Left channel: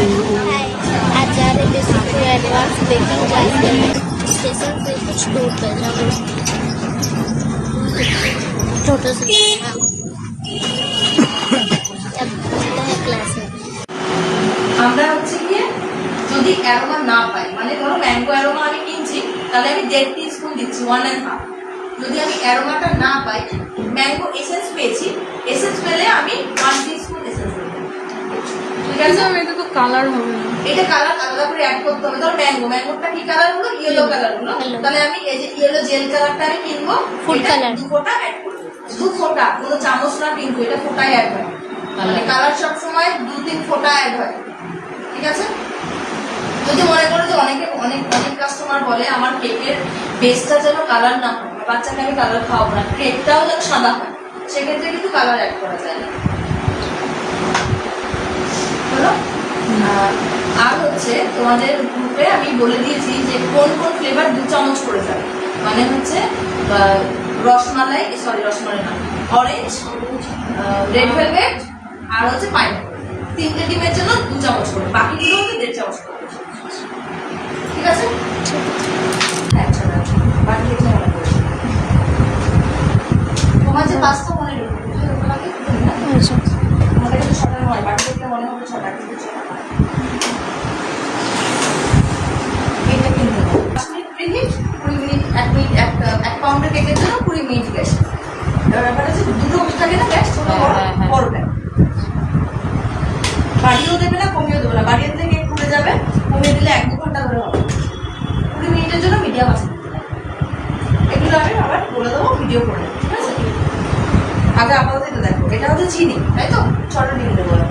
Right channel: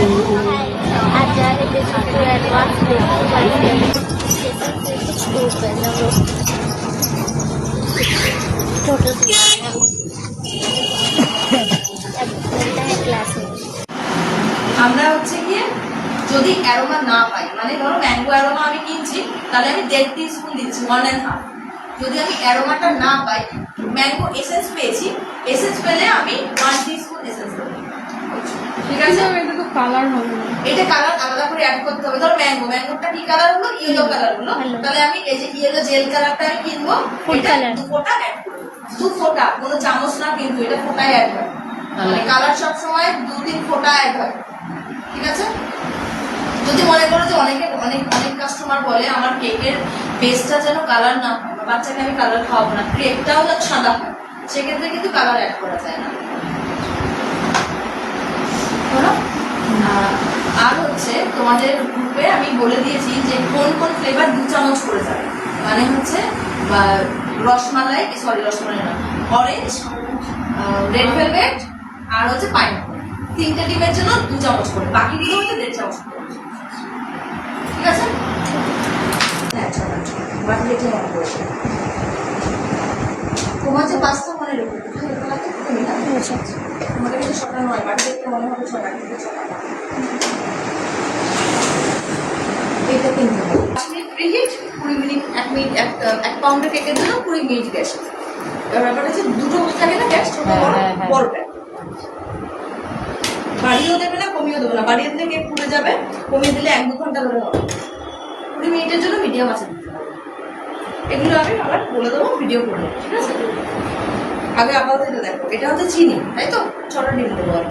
आज जा रहे थे सुपर एडवांस बेकिंग क्लास के लिए। स्टेशन से कुछ दूर पे हम लोग टोटो से अब मिलते हैं क्लास में। আমরা হচ্ছে গিয়ে যদি অ্যারোমা না পাই, মানে ধরো ম্যাঙ্গো অ্যারোমা আমি কিনছি, তাহলে আমি 1.5 টিস্পুন দিচ্ছি, 1.5। যদি আমি অ্যারোমাটা না পাই, ম্যাঙ্গো এসেন্স পেয়েছি, এসেন্স পেলে আমি 1 টিস্পুন এসেন্স দেবো। ঠিক আছে, এটা তো কালার হবে না, এটা কালার আলাদা করে অ্যাড করতে হবে। ধর ম্যাঙ্গোটা কি কালার হলো, ইয়েলো কালার হলো, তাহলে আমি এই যে ইয়েলো জেল কালারটা আমি কিনবো, ফুড কালার 2 ফোঁটা অ্যাড করব। 2 ফোঁটা, কোনো চামচ না কিন্তু, এটা ফোঁটাই অ্যাড হয়। মানে কালার সব সময় 2-3 ফোঁটা অ্যাড হয়। ঠিক আছে, যদি মনে করো যে অনেক কাস্টমার বলে আমার কেকের বেসটা যেন কালার না হয়, বাচ্চাকে আমি কালার খাওয়াবো না, কেকটাও যেন সাদা হয়, সেক্ষেত্রে কিন্তু কালার অ্যাড করা যায় না। হলো? আর হচ্ছে তোমাদের গ্রুপে আমি বলে দিয়েছি যে কোন কোন ফ্লেভার 2 চামচ করে যাবে। মানে হচ্ছে রসমালাই না, অরেঞ্জ, রেড ভেলভেট আর হচ্ছে পাইনাপল, 3টে ডিমের জন্য 2 চামচ করে, বাকিগুলো হচ্ছে 1.5 চামচ করে। ঠিক আছে, আচ্ছা বাকি এটা মনে করো। তোমার যে পাঁচটা মনে রেখে তোমাকে তোমাদের কাছে 6টা নয়, বাকি দেখলে মনে হবে 6টা, কিন্তু 6টা এটা কিনতে হবে। 5 মিনিট প্রিহিট, 20 মিনিট, 1 মিনিট, 1 পাউন্ডের কেকের জন্য 20 মিনিট গ্যাস। এবার ব্যাপার আছে দুটো থাকে না গ্যাস, ছোট বড় প্যান। বাড়িয়েও দেবে না, কমিয়েও দেবে না। বাড়িয়ে দিলে কেক পুড়ে যাবে, কমিয়ে দিলে 1-2 ঘন্টা ধরে হবে। 20 মিনিটের জন্য মিডিয়াম আছে দিতে হবে। এগুলো আমি আবার বলে দেবো ভিডিও করে। ঠিক আছে, আগে আপাতত এটা দেখো, এটা হচ্ছে চিনি, তাই তো? 6টা ডিম দেবো আর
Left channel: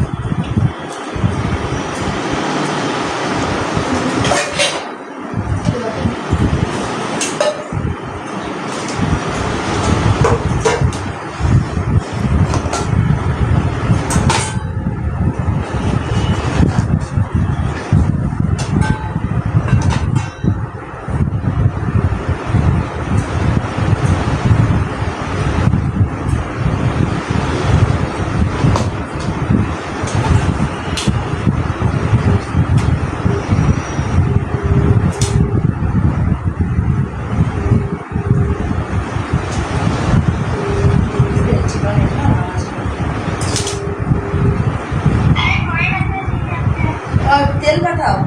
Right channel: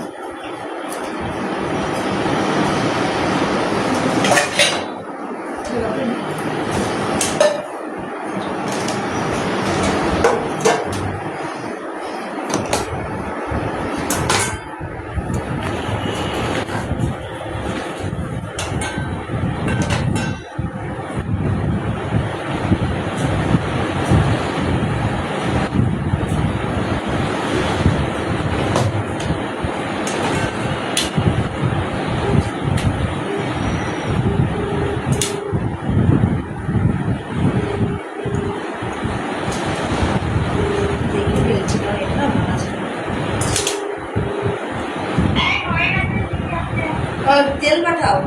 তেল পাঠাও,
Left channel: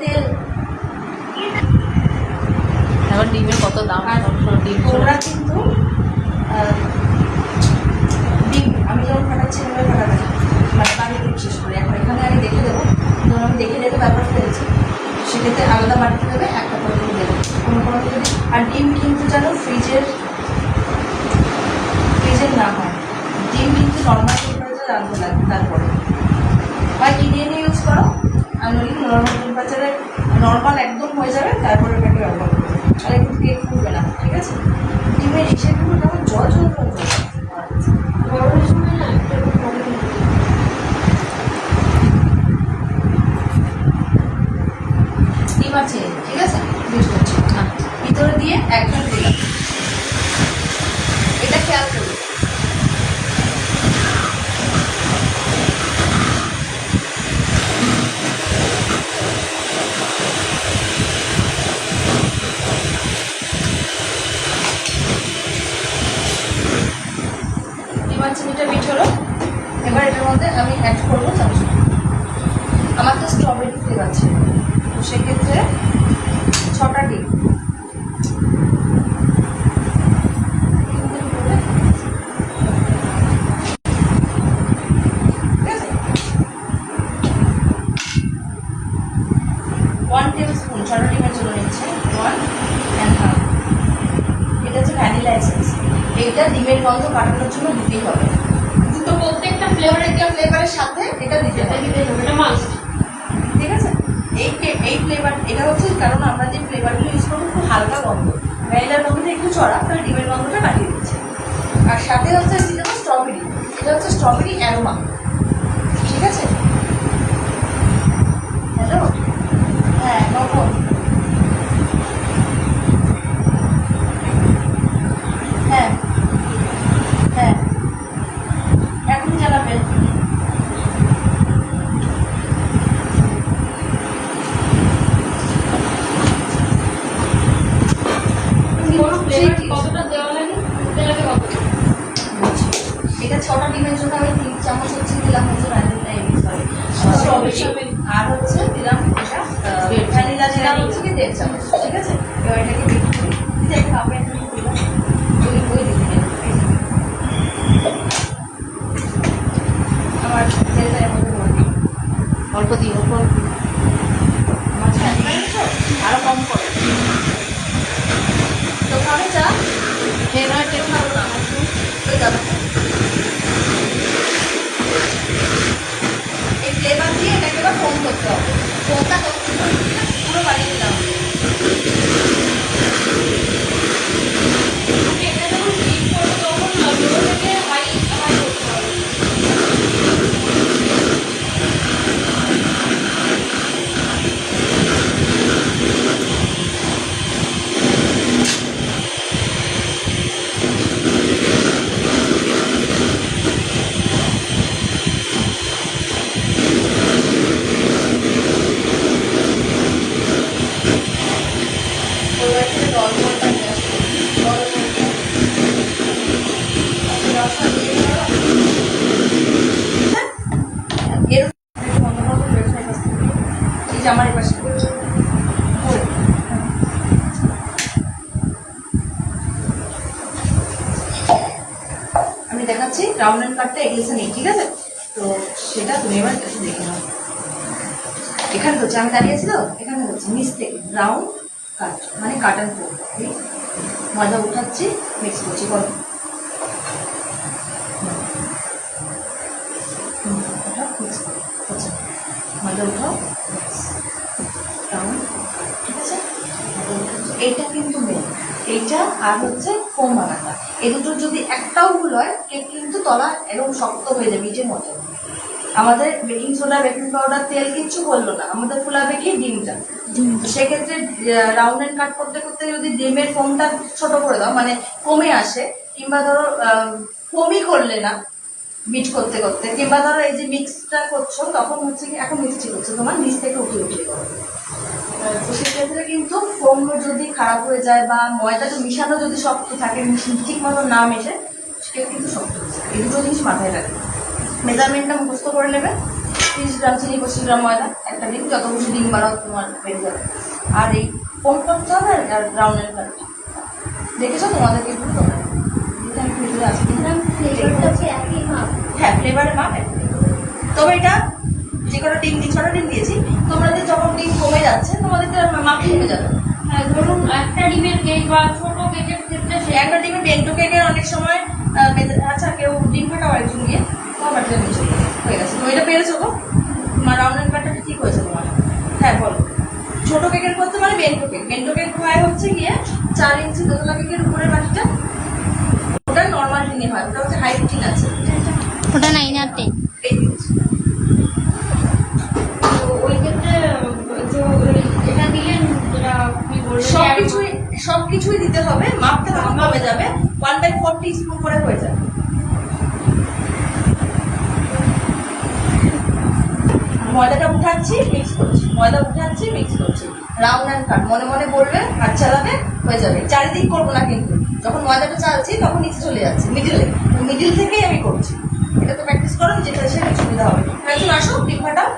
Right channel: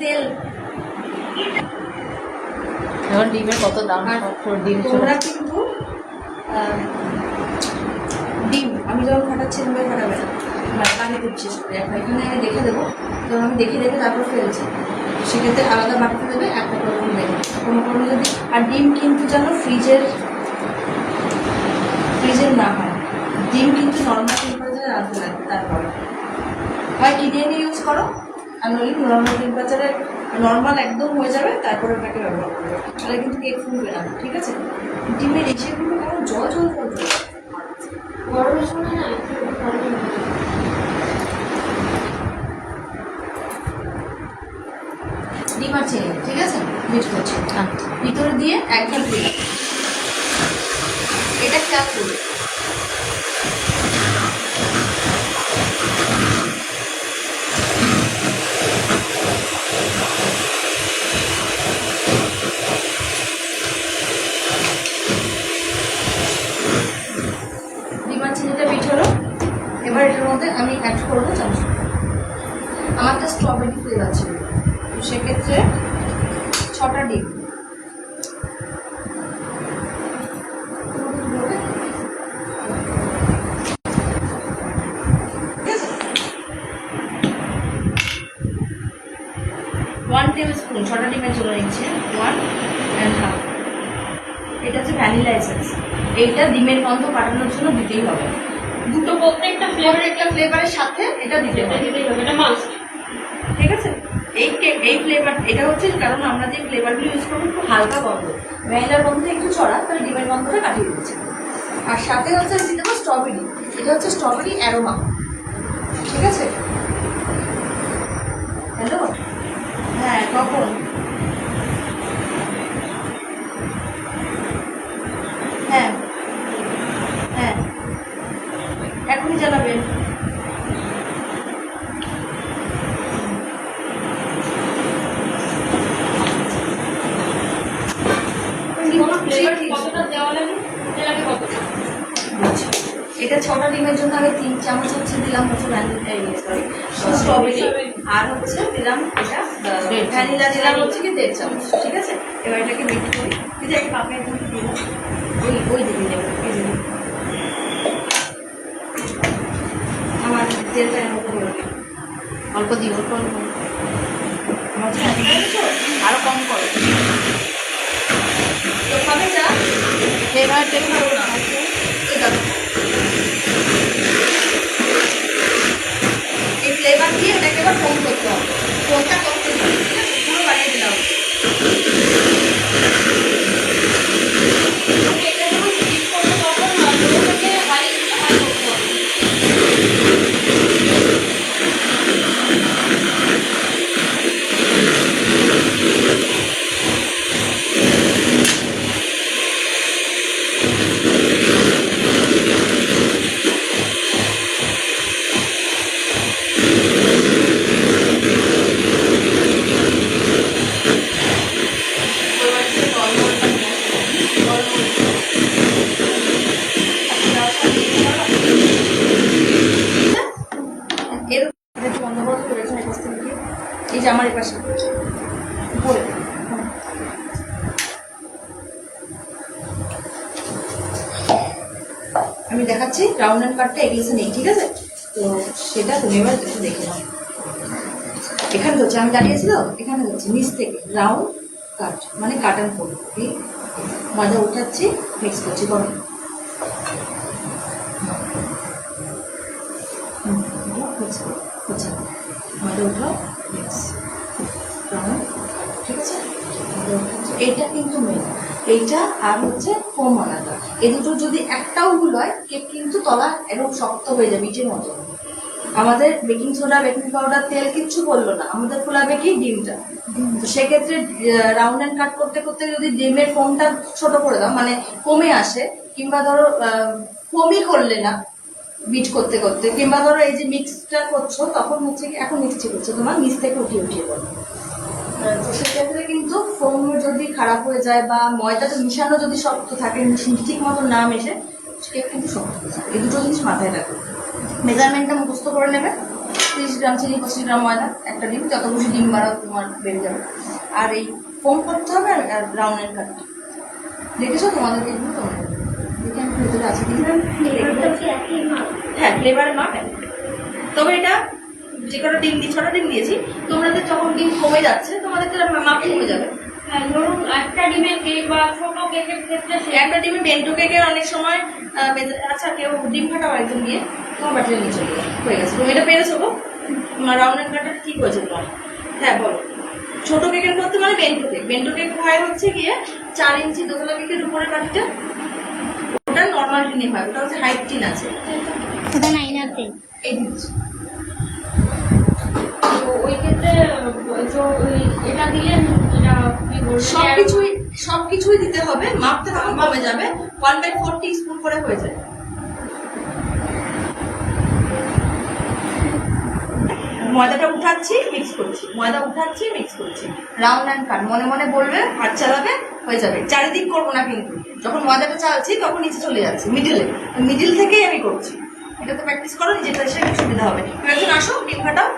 তেল। এখন ডিমের কত দাম, ডিম তোমরা কিন্তু ডিম আমি যখন ফাটাচ্ছি এভাবে ফাটাবে না, মানে পানি দিয়ে শেষ করে এখন এখানে আমি দেখে দেবো, যখন আমি দেখে তারপর ফেলেছি, সেক্ষেত্রে আলাদা বাটিতে দেবে, একটা করে তুমি দেবে কোনো যদি। আর ডিম কিন্তু যেন ফ্রিজের না হয়, ডিম কিন্তু নর্মাল টেম্পারেচারে রাখতে লাগবে। তারপরে হয় ইডিএন ইউজ করো, আর নইলে নর্মাল টেম্পারেচারে নর্মাল একদম হয়ে যাবে, তারপরে ওটাকে ব্যবহার করবে, তাহলে কিন্তু কেক ফুলবে না। ঠিক আছে, ডিমের ইসেগুলো কেমন জল গরমের সময় না ডিম আর চিনি, ঠিক আছে, মিক্স করছি ভিতরে দিয়ে একদম দিলাম। এটা খেয়াল করবে, চিনিটা বিট হলো। এবার এটার মধ্যে আমি অ্যাড করবো চামচ, আমার তো স্ট্রবেরি ফ্লেভার ছিল, তো সেক্ষেত্রে 6টা ডিম। ঠিক আছে, 1 টেবিল স্পুন 6টা ডিমের জন্য নিচ্ছে, 1.5। এটা হচ্ছে ভ্যানিলা এসেন্স, এইটা ডিমের গন্ধ কাটানোর জন্য দিতেই হবে। দুটো প্রত্যেকটা ফ্লেভারের সাথে এটা দিতে হবে, এটা মাস্ট। ঠিক আছে, এই ফ্লেভার এটা হচ্ছে কারণ আমরা যে ফ্লেভারগুলো ইউজ করবো খুব হালকা গন্ধ, ভ্যানিলার গন্ধটা একটু চড়া, তাহলে ডিমের গন্ধটা কাটিয়ে দিচ্ছে। আর সাথে হচ্ছে দিতে হবে স্ট্রবেরি, এটা হচ্ছে স্ট্রবেরি অ্যারোমা। ঠিক আছে, হ্যালো, হ্যাঁ কখন? হ্যাঁ এখনই জানাবেন। 6টা ডিমের জন্য আমি 3 চামচ হচ্ছে দিলাম হচ্ছে সরি স্ট্রবেরি, আর হচ্ছে দিলাম এটা ভ্যানিলা দিলাম হচ্ছে কি 1.5 চামচ। ঠিক আছে, এবার এটাকে বিট করি। দিদি একটা কাপে এখানে দিলাম, ওই দিদি দেবো। আমার তেলটা এর মধ্যে ভরে দিই। অল্প দিই, অল্প অল্প। আমার ছাড়া আরো কম করো। তো খাবে চা? এবার টেনে খাবো না, ওই দাদা এই ফ্লেভার দিয়ে এটাকে এবার ফোম করতে হবে। ফোমটা পুরো বানিয়ে দিতে হবে। এটা যখন হিট করবো তখন লো থেকে হাই করতে হবে। এই যে আমার এপাশে উপরে আমি দেখাচ্ছি রাউন্ড অ্যান্ড কাটটা এগিয়েছে নেই। ঠিক আছে, তো সেটা তুমি এবার একটু দেখে নাও। এখানে হচ্ছে আমি দাঁড়িয়েছি তো, এখানে হচ্ছে নিচ থেকে রাউন্ড কাট মানে কাট অ্যান্ড ফোল্ড। এই ময়দা উঠাচ্ছি, মিক্স করছি, করো মিক্স করো, হচ্ছে ময়দা উঠাও, মিক্স রাউন্ড কাট। ঠিক আছে, ময়দা উঠাচ্ছি। এইটা কিন্তু মেন, এইটা আর হচ্ছে ফোম বানাটা, এই দুটো যদি একটাও ভুল হয় কেক কিন্তু তলা এরকম শক্ত হয়ে যাবে ইটের মতো। আমাদের বেকিং সোডা, বেকিং পাউডার, তেল কিচ্ছু বললো না, আমাদের ফোলাবে কি ডিমটা। তো সেক্ষেত্রে রাউন্ড অ্যান্ড কাট করতে করতে যদি ডিমের ফোমটা ছোট করে দাও, মানে কমে আসে, কিংবা ধরো ফোমই করলে না বিট করতে করতে, কিংবা ধরো এই যে মিক্সটা করছো তখন হচ্ছে কি এখন মিক্সটি করছো তোমার নিচ থেকে উঠিয়ে উঠিয়ে করো, তো সেক্ষেত্রে কিন্তু ফোম যদি খারাপ হয়ে যায় বা ময়দাটা মিশানো যদি শক্ত থাকে, ঠিক মতো না মেশে, কেক কিন্তু শক্ত হয়ে যায়। এই দুটো জিনিস মাথায় রাখবে। মেজারমেন্টটা মুখস্থ করে নেবে, 30 গ্রাম চিনি, 25 গ্রাম ময়দা, একটা ডিম, যত বেশি ডিম বাড়াও তোমার বেড়ে যাবে। আর এই ফোম করতে হবে আর রাউন্ড এর কাট দেখেছো তোমাদের এগুলো, তোমরা দেখে আমি ভেতরে আছে কিনা। ফ্লেভারটা কি একই মাপ? হ্যাঁ, ফ্লেভারের মাপ একই। তবে এটা যে কটা ডিম দিই, 6টা ডিম দিয়েছি, তোমাদের যখন ডিম কমে যাচ্ছে তোমাদের তো মাপ কমে যাবে। হ্যাঁ, ধরুন একটা ডিমের কেক বা ছোট কেকের ক্ষেত্রে একটা ডিমে বেন্টো কেকের অনেক সময় আচ্ছা কেউ ডিম ফাটাও একজন দিয়ে তোমার বাটিতে নিয়ে চলে হয়ে গেছে। তুমি এটা পেরেছো তো, তোমার রাউন্ড অ্যান্ড কাটটা ঠিক হয়েছে তোমার। হ্যাঁ বলো, ছোট কেকের করতে মানে বেন্টো কেক হয় হচ্ছে গিয়ে 4 ইঞ্চি দোতলা কেকের উপরের বাটিটা, ওটা নর্মাল টিনে হয়, ওটা হচ্ছে হাইট টিন আছে, ওটা 9 আর 10। এই দিচ্ছি। তো ওই ক্ষেত্রে এটা দিলেন, যেটা আপনি বললেন সবকিছুই দিতে হবে, মাপটা তখন কমে যাবে, 1/4 টিস্পুন করে হয়ে যাবে। ময়দাটা উঠাচ্ছি, মিক্স করছি, ময়দা উঠাচ্ছি, মিক্স করছি, রাউন্ড অ্যান্ড কাট, মনে মনে বলবে, হাত চালাবে, হয়ে যাবে। চারিদিক করবো না কিন্তু, যখন ময়দাটা চালছি তখন নিচে চলে যাচ্ছে, মিডিল থেকেই আমি করছি। এটা তো প্র্যাকটিস করো, নিজের এসে সুবিধা হবে। একজন আসো, ডিম ফাটাও।